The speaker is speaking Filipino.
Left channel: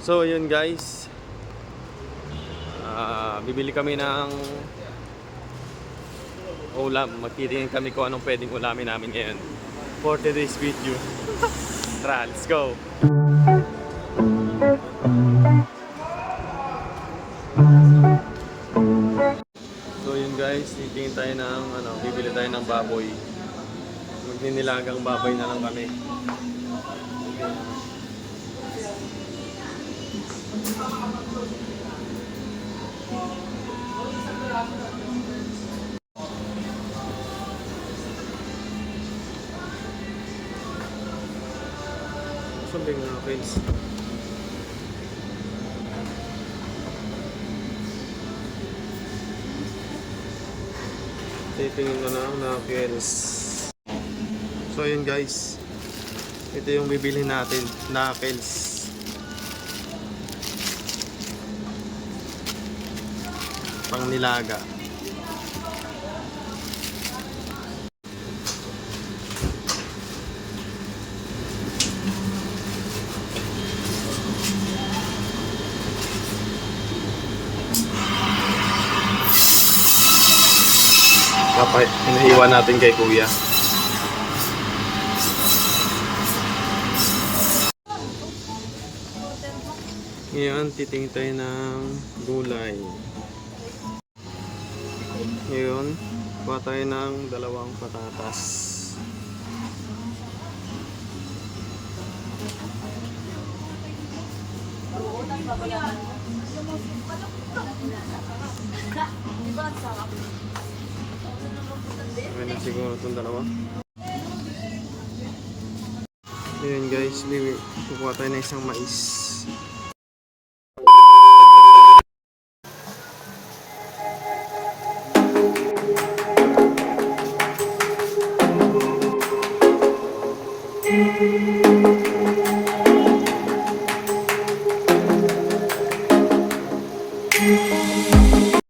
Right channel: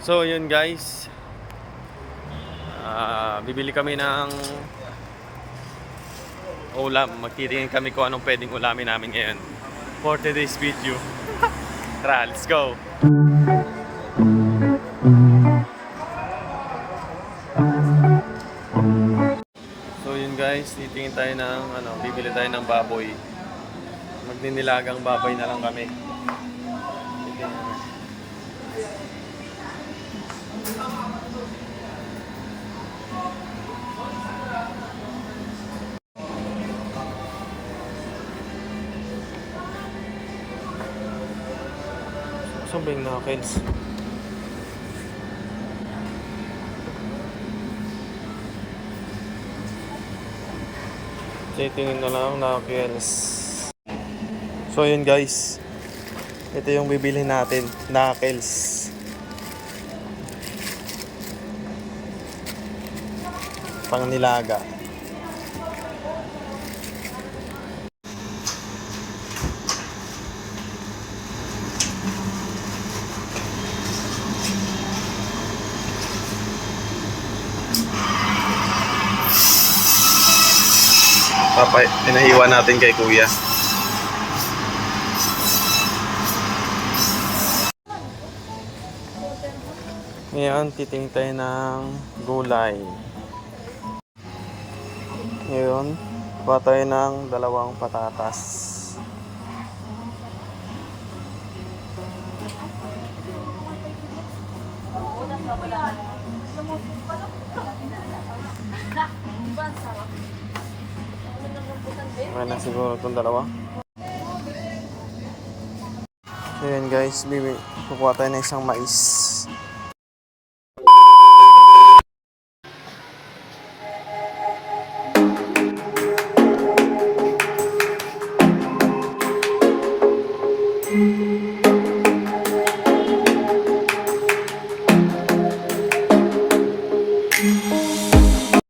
So yun guys, bibili kami ng ulam. Magtitingin kami kung anong pwedeng ulamin namin ngayon for today's video. Tara, let's go! So yun guys, titingin tayo ng bibili tayo ng baboy. Magninilagang baboy na lang kami. Saan ba yung knuckles? Titingin na lang knuckles. So yun guys, ito yung bibili natin, knuckles. Pang nilaga. Pinahiwa natin kay kuya. Ngayon, titingin tayo ng gulay. Ngayon, kuha tayo ng 2 patatas. Okay na siguro itong 2. Ngayon guys, kukuha tayo ng isang mais.